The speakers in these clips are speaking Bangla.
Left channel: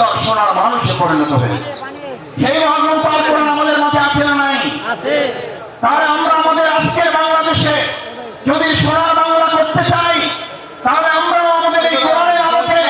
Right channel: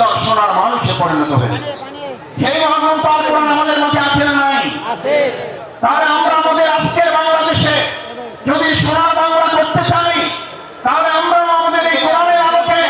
সুন্দর সোনার মানুষে পরিণত হয়েছে। সেই মহাগ্রন্থ আল কোরআন আমাদের মাঝে আছে না নাই? তাহলে আমরা আমাদের আজকের বাংলাদেশে যদি সোনার বাংলা করতে চাই, তাহলে আমরা আমাদের এই কোরআনের আলোকে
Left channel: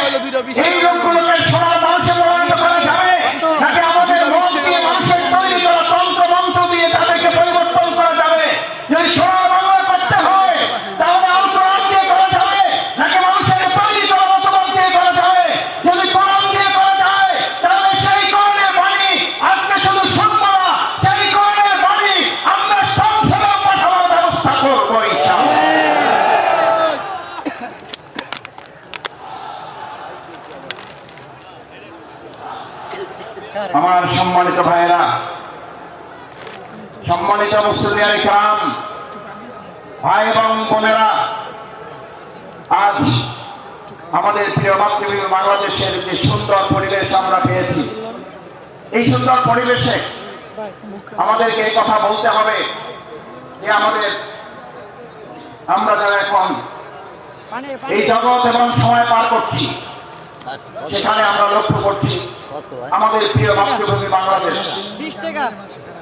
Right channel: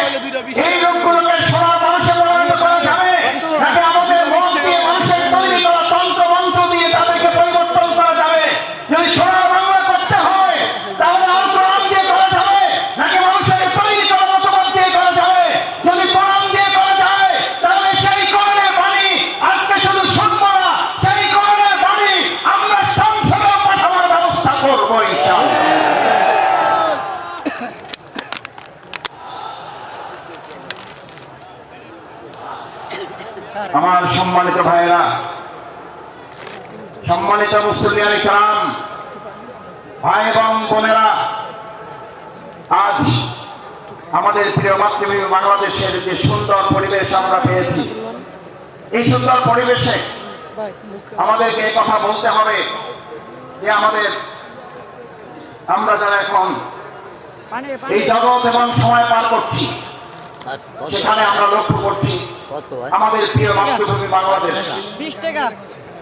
এই লোকগুলোকে সোনার মানুষে পরিণত করা যাবে, নাকি আমাদের মন দিয়ে মানুষের তৈরি করা তন্ত্র মন্ত্র দিয়ে তাদেরকে পরিবর্তন করা যাবে? যদি সোনার বাংলা করতে হয় তাহলে আল কোরআন দিয়ে করা যাবে, নাকি মানুষের তৈরি করা মতবাদ দিয়ে করা যাবে? যদি কোরআন দিয়ে করা যায় তাহলে সেই কোরআনের বাণী আজকে শুধু শুনবো না, সেই কোরআনের বাণী আমরা সংসদেও পাঠানোর ব্যবস্থা করবো ইনশাআল্লাহ। আমার সম্মানিত ভাইরা, সম্মানিত মুসলিম ইসলাম ভাই এবং বোনেরা, আজ আমাদের প্রিয় মাতৃভূমি বাংলাদেশের যে সুন্দর পরিবেশ আমরা পেয়েছি, এই সুন্দর পরিবেশে আমাদেরকে এই কথা বলতে হবে যে আমরা যারা এখন এই জগৎ এবং সময় পার করছি, সেখানে আমরা লক্ষ্য করছি আমাদের প্রিয় মাতৃভূমি বাংলাদেশ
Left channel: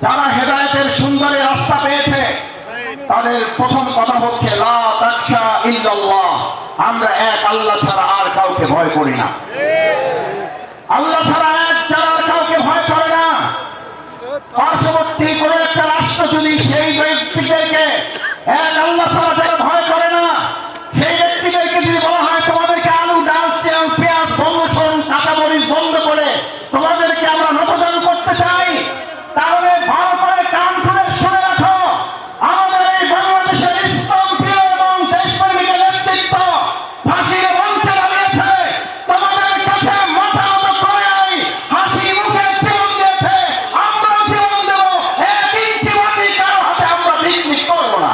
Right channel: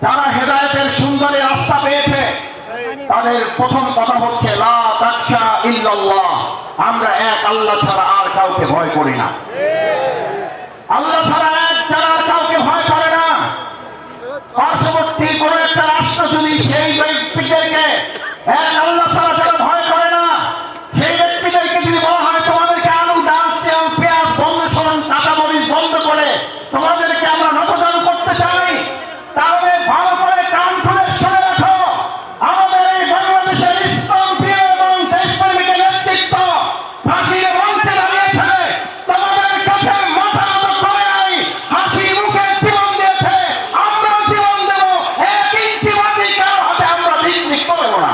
যারা হেদায়েতের সুন্দর রাস্তা পেয়েছে, তাদের প্রথম কথা হচ্ছে লা তাখশা ইল্লাল্লাহ, আমরা এক আল্লাহ ছাড়া আর কাউকে ভয় করি না। আল্লাহ ছাড়া এক ছাড়া আর কাউকে ভয় করে না। পার্শ্ববর্তী কোন একটা রাষ্ট্র যদি সেই ব্যক্তিদেরকে এক আল্লাহ ছাড়া যারা ভয় করে না, সেই ব্যক্তিদেরকে যদি বলা হয় তোমাদেরকে আলু ডাল তেল পেঁয়াজ বন্ধ করুন, কাঁচামরিচ বন্ধ করে তোমাদেরকে আমরা নতজান করতে চাই, তাহলে ভালো করে কান খুলে শুনে রাখো, আমাদের এই বাংলাদেশের ইসলাম প্রিয় এবং দেশপ্রেমিক নেতৃত্ব ফাঁসির মঞ্চে দাঁড়িয়েছে, তোমাদের কাছে মাথা নত করে নাই, হাসি মুখে জীবন দিয়েছে, আমরা জীবন দেব, এক ইঞ্চি মাটি কারো হাতে আমরা বিক্রি করবো না।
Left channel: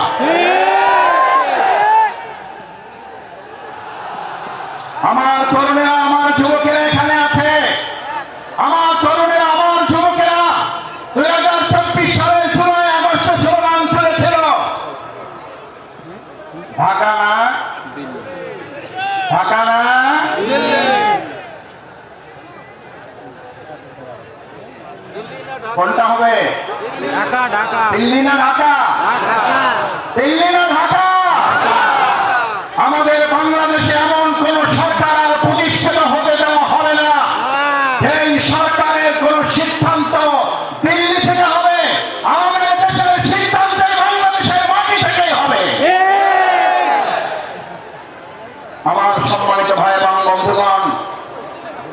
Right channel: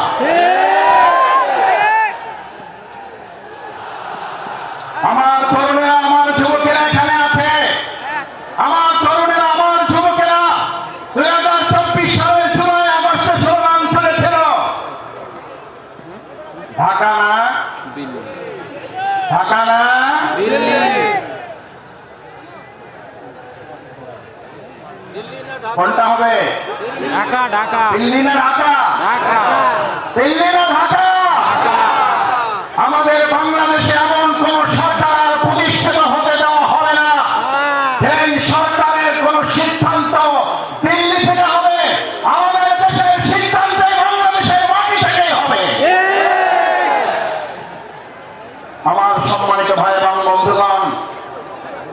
আমার তরুণেরা, আমার যুবকেরা এখানে আছে, আমার তরুণেরা, আমার যুবকেরা 2024 সালের জুলাই আগস্টে স্লোগান তুলেছিল, ঢাকা না ঢাকা না কোনটা হবে? ঢাকা ঢাকা দিল্লি না ঢাকা? দিল্লি না ঢাকা? আমাদের বাংলাদেশে এমন কোন সরকার প্রতিষ্ঠিত হতে দেওয়া হবে না এই সরকারের কোন সিদ্ধান্ত দিল্লি থেকে হবে, আমাদের দেশের সিদ্ধান্তে বাংলাদেশের মাটি থেকে হবে। আমার সম্মানিত ভাই এবং বন্ধুগণ,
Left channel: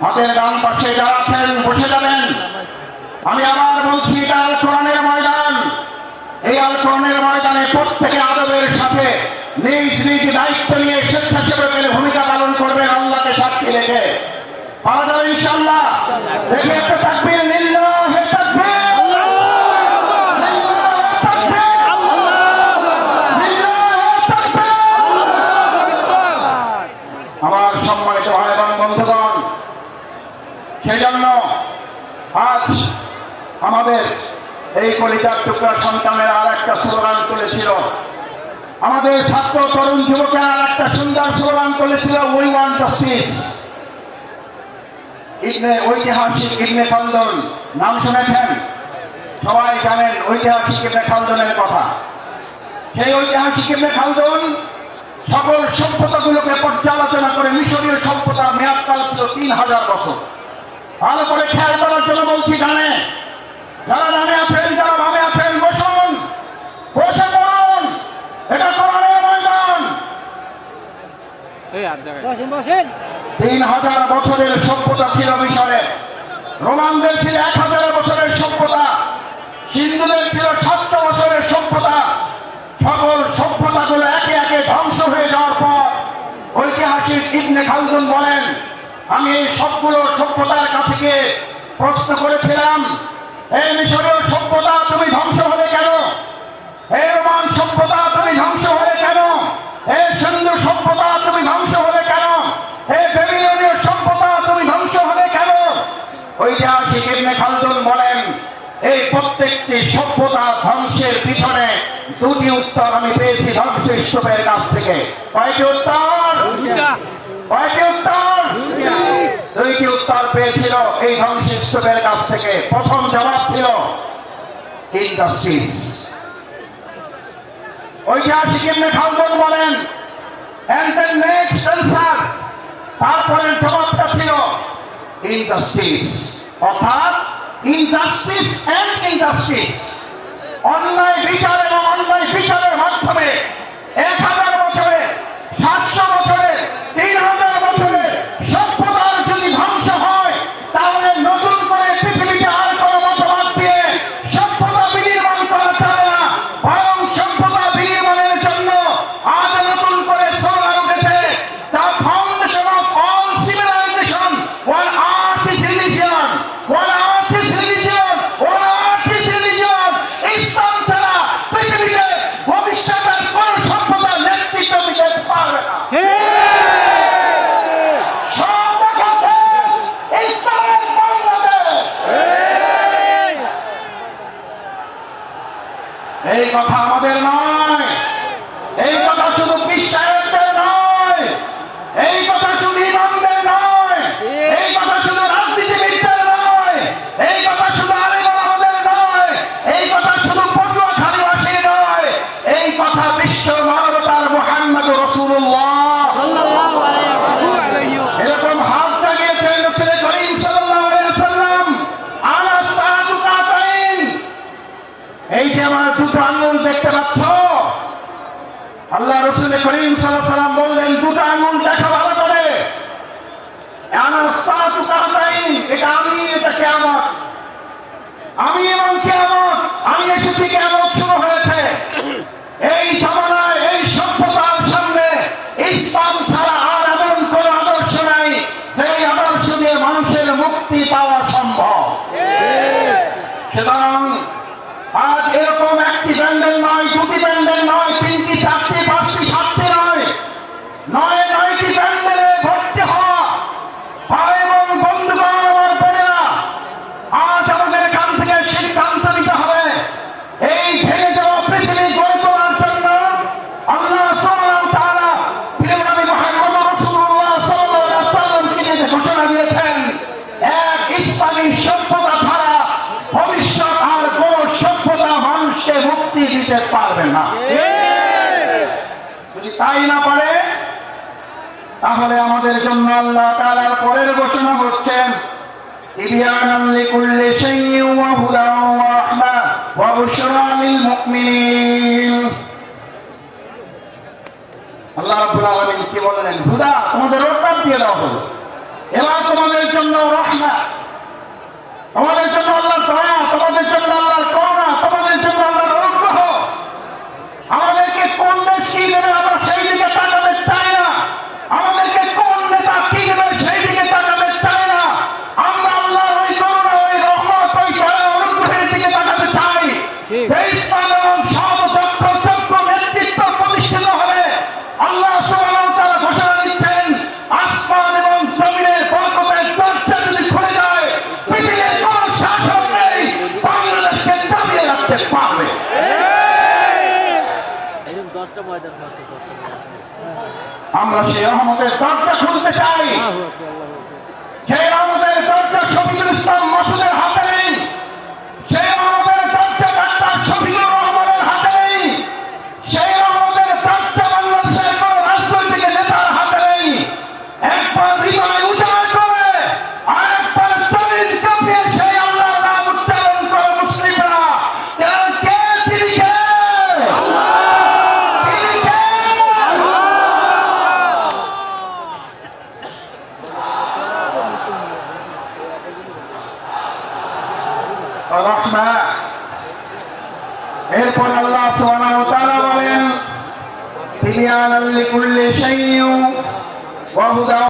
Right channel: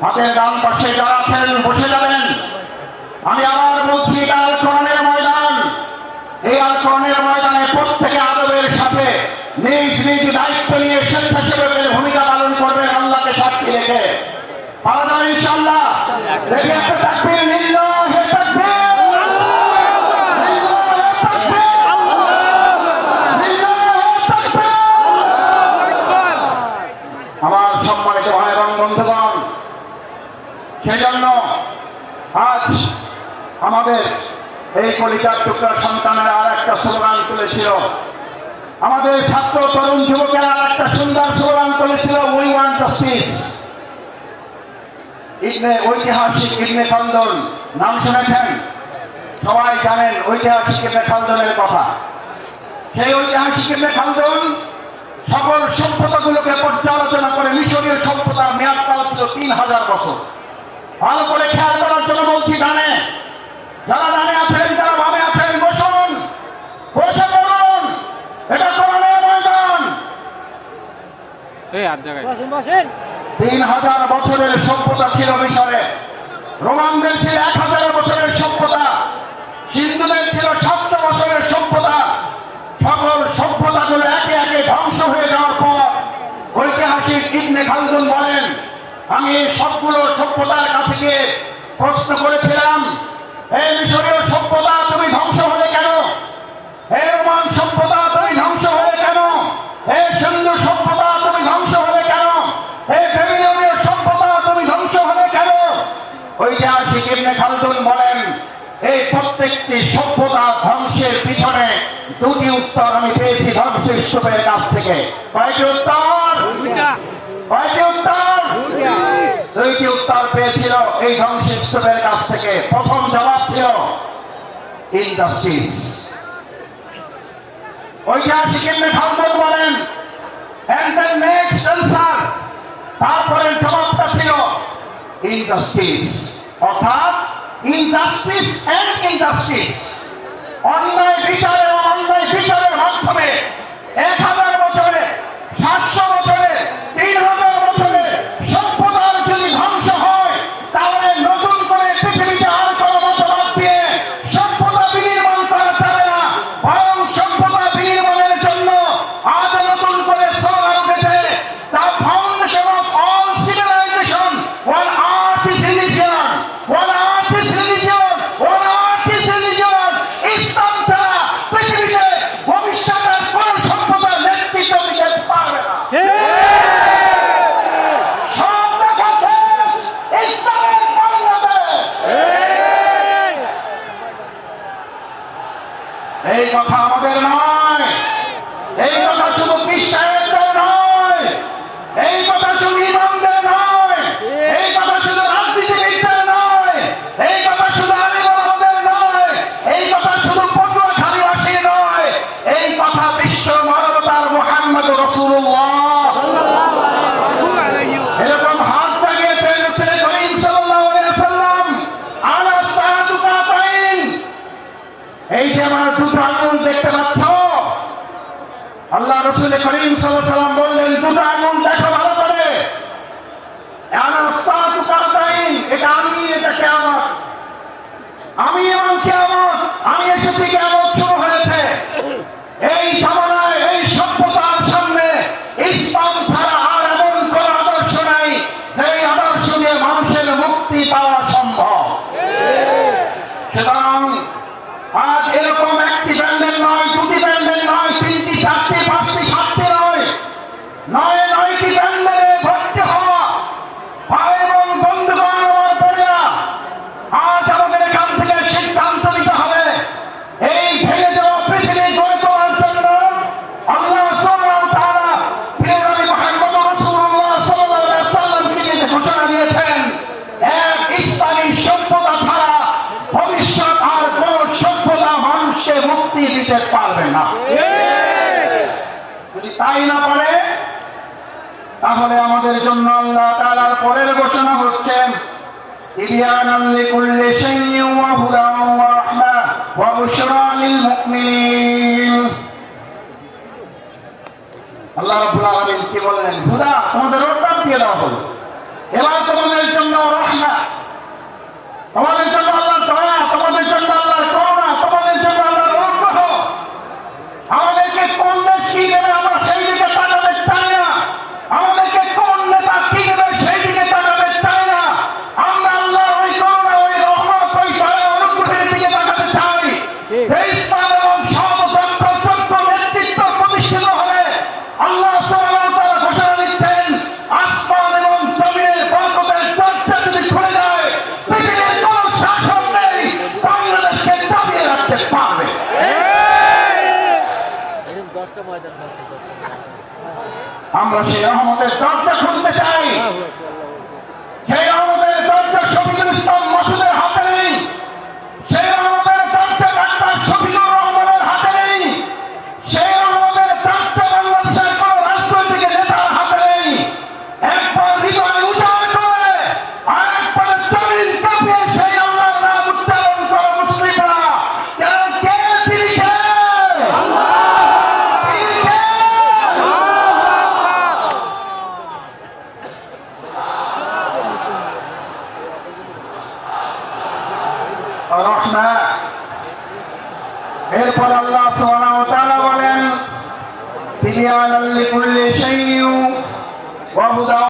হাতের ডান পাশে যারা আছেন বসে যাবেন। আমি আবার বলছি, এটা আল কোরআনের ময়দান। এই আল কোরআনের ময়দানে প্রত্যেকে আদবের সাথে নিজ নিজ দায়িত্ব নিয়ে স্বেচ্ছাসেবকের ভূমিকা পালন করবেন, আল্লাহকে সাক্ষী রেখে। পারা যাবে ইনশাআল্লাহ? দেখি একটা তাকবীর, লিল্লাহি তাকবীর, আমার সম্মানিত ভাই এবং বন্ধুগণ, সেই জন্য আজ আমাদের এই কলিজার টুকরা সন্তানেরা আর একটা স্লোগান তুলেছিল, আমাদের ছাত্র তরুণ যুবকেরা আর একটা সুন্দর স্লোগান তুলেছিল, উই ওয়ান্ট জাস্টিস। ঐতিহাসিক ইবনে খালদুন নাম শুনেছেন? সবাই জানেন ঐতিহাসিক ইবনে খালদুনের কথা। সেই ঐতিহাসিক ইবনে খালদুন সকল সভ্যতাগুলোকে পর্যালোচনা করে মিশরীয় সভ্যতার মেয়াদকাল ছিল 3000 বছর। ভালো করে খেয়াল করার জন্য বলছি, জানে যারা জানে আছেন, যারা ভাবে আছেন, বসুন, বসে পড়ুন, এটা কোরআনের ময়দান। 3000 বছরের সভ্যতা ছিল মিশরে, রোমানদের ছিল 1000 বছরের সভ্যতা, হিন্দুদের ছিল 700 বছরের সভ্যতা। সকল সভ্যতাগুলো একে একে ধ্বংস হয়ে যাওয়ার পর ঐতিহাসিক ইবনে খালদুন বলেন, আমি এই সবগুলো সভ্যতার কাছে গিয়ে প্রশ্ন করেছিলাম, এই মিশরীয় সভ্যতা তুমি ধ্বংস হলে কেন? এই রোমান সভ্যতা তুমি ধ্বংস হলে কেন? এই সিন্ধু সভ্যতা তুমি ধ্বংস হলে কেন? এই বেবিলনীয় সভ্যতা তুমি ধ্বংস হলে কেন? ঐতিহাসিক ইবনে খালদুন বলেন, এই প্রত্যেকটি সভ্যতা ধ্বংসের পিছনে দুটি উত্তর আমি পেয়েছি ধ্বংসস্তূপের কাছ থেকে। কয়টি উত্তর? কয়টি উত্তর? দুইটি উত্তর পেয়েছিল এই ধ্বংসস্তূপের কাছ থেকে। প্রথম জবাব ছিল ইনজাস্টিস। ঐতিহাসিক ইবনে খালদুন বলেন, and the next answer, তারপরে জবাবটা ছিল ইনজাস্টিস, অর্থাৎ ইনজাস্টিস এন্ড ইনজাস্টিস। অন্যায় বিচার এবং অন্যায় বিচারের মাধ্যমে 1000 বছরে, 700 বছরে, 3000 বছরে সভ্যতার যদি ধ্বংস হয়, তাহলে নতুন করে পৃথিবীতে আর কোনো মতবাদ দিয়ে সভ্যতা বিনির্মাণ করা যাবে না। বরং সভ্যতা বিনির্মাণের জন্য আজ নতুন করে স্লোগান উঠেছে, the foundation of all civilization, one art is religion, one art is religion, one art is religion. ইসলাম ছাড়া পৃথিবীতে ভবিষ্যতের কোন সভ্যতার নেতৃত্ব দিতে পারবে না। এই কথা আমাদের নয়, এই কথা শুধু বিশ্বাসের নয়, এই কথা শুধু ইমামদের নয়, এই কথা শুধু রাজনীতিবিদদের নয়, এই কথা শুধু আলেমদের নয়, এই কথা শুধু পটুয়াখালীবাসী নয়, এই কথা বিশ্ব মানবতার মুহাম্মদ রাসূলুল্লাহ এরকম হাত লাগিয়ে রসূল করিম সাল্লাল্লাহু আলাইহি ওয়াসাল্লাম আলা সালাতু কাতাইন। এই যে আমরা দুটো আঙ্গুল দেখতে পাচ্ছ, আল্লাহ রসূল করিম সাল্লাল্লাহু আলাইহি ওয়াসাল্লাম বললেন, দুটো আঙ্গুল দেখো ভালো করে, আলা সালাতু কাতাইন, এটা আমি, এটা কিয়ামত, আমি এবং কিয়ামত, আমি এসেছি, কিয়ামত শুরু হয়েছে। এই জামানায়, এই সভ্যতার সামনে ইসলাম ছাড়া আর এমন কোন আদর্শ নাই যেই আদর্শ দিয়ে মানুষের মুক্তি পাওয়া সম্ভব। সুতরাং আজ এরকম একটি ব্যান্ডেল নয়, দুটি ব্যান্ডেল নয়, 3টি, 4টি, 5টি, 7টি নয়, 9টি ব্যান্ডেলে ভর্তি হওয়া ভাই এবং বন্ধুগণ, আমার বোনেরা, আজ আমাদের এখান থেকে সিদ্ধান্ত নিতে হবে, এই ভেঙে যাওয়া পৃথিবী গড়ে তোলার জন্য আল্লাহ সুবহানাহু ওয়া তাআলা প্রিয় নবী মুহাম্মদ রাসূলুল্লাহ সাল্লাল্লাহু আলাইহি ওয়াসাল্লামকে যে ঘোষণা দিয়েছেন, এক ইসলামী সভ্যতা ছাড়া ভবিষ্যৎ আর কোন সভ্যতা মানুষকে মুক্তি দিতে পারবে না। যদি তাই না পারে, তাহলে আমাদের জন্য আল্লাহ তাআলার পরের ঘোষণা হচ্ছেন, তিবয়ানান লিকুল্লি শাইইন ওয়া হুদান ওয়া রাহমা ওয়া বুশরা লিল মুমিনিন। আল্লাহ রাব্বুল আলামিন কি বললেন? হুদা, তোমাদের রোডম্যাপ দিয়ে দেওয়া হলো, এবার তোমাদের জন্য রাহমা, তোমাদের জন্য আল্লাহর দয়া, তোমাদের জন্য আল্লাহর করুণা, তোমাদের জন্য আল্লাহর অনুগ্রহ। আমাদেরকে কোন নেত্রী দেবে আমরা সেই দিকে তাকাতে চাই না, আমাদেরকে কোন নেতা কি দেবে সেই দিকে তাকাতে চাই না। আমরা আল্লাহর ওই করুণা, ওই রহমত, ওই দয়া, অনুগ্রহের দিকে তাকাতে চাই। ইসলাম এবং সর্বতন্ত্র নেতৃত্ব প্রতিষ্ঠিত হবে। আল্লাহ সুবহানাহু ওয়া তাআলা ঘোষণা দিচ্ছেন, আসমান এবং জমিনের বরকতের দরজা যদি খুলে যায়, পৃথিবীর কোন শাসক নেই বাংলাদেশকে দাবিয়ে রাখতে পারবে। আমরা সেই রহমতের দরজা খুলতে চাই। সেই রহমতের দরজা শফিকুল ইসলাম মাসুদের হাতে নেই, সেই রহমতের দরজা ডাক্তার শফিকুর রহমানের হাতে নেই, সেই রহমতের দরজা বাংলাদেশের কোন রাজনৈতিক নেতার হাতে নেই। একবার হৃদয় উজাড় করে আর একবার তৈরি কাঁপিয়ে সেই আল্লাহর নাম উচ্চারণ করে মুসলিমরা, কে তিনি কে? রহমা। এরপর আল্লাহ সুবহানাহু ওয়া তাআলা বলেন, তিবয়ানান লিকুল্লি শাইইন ওয়া হুদান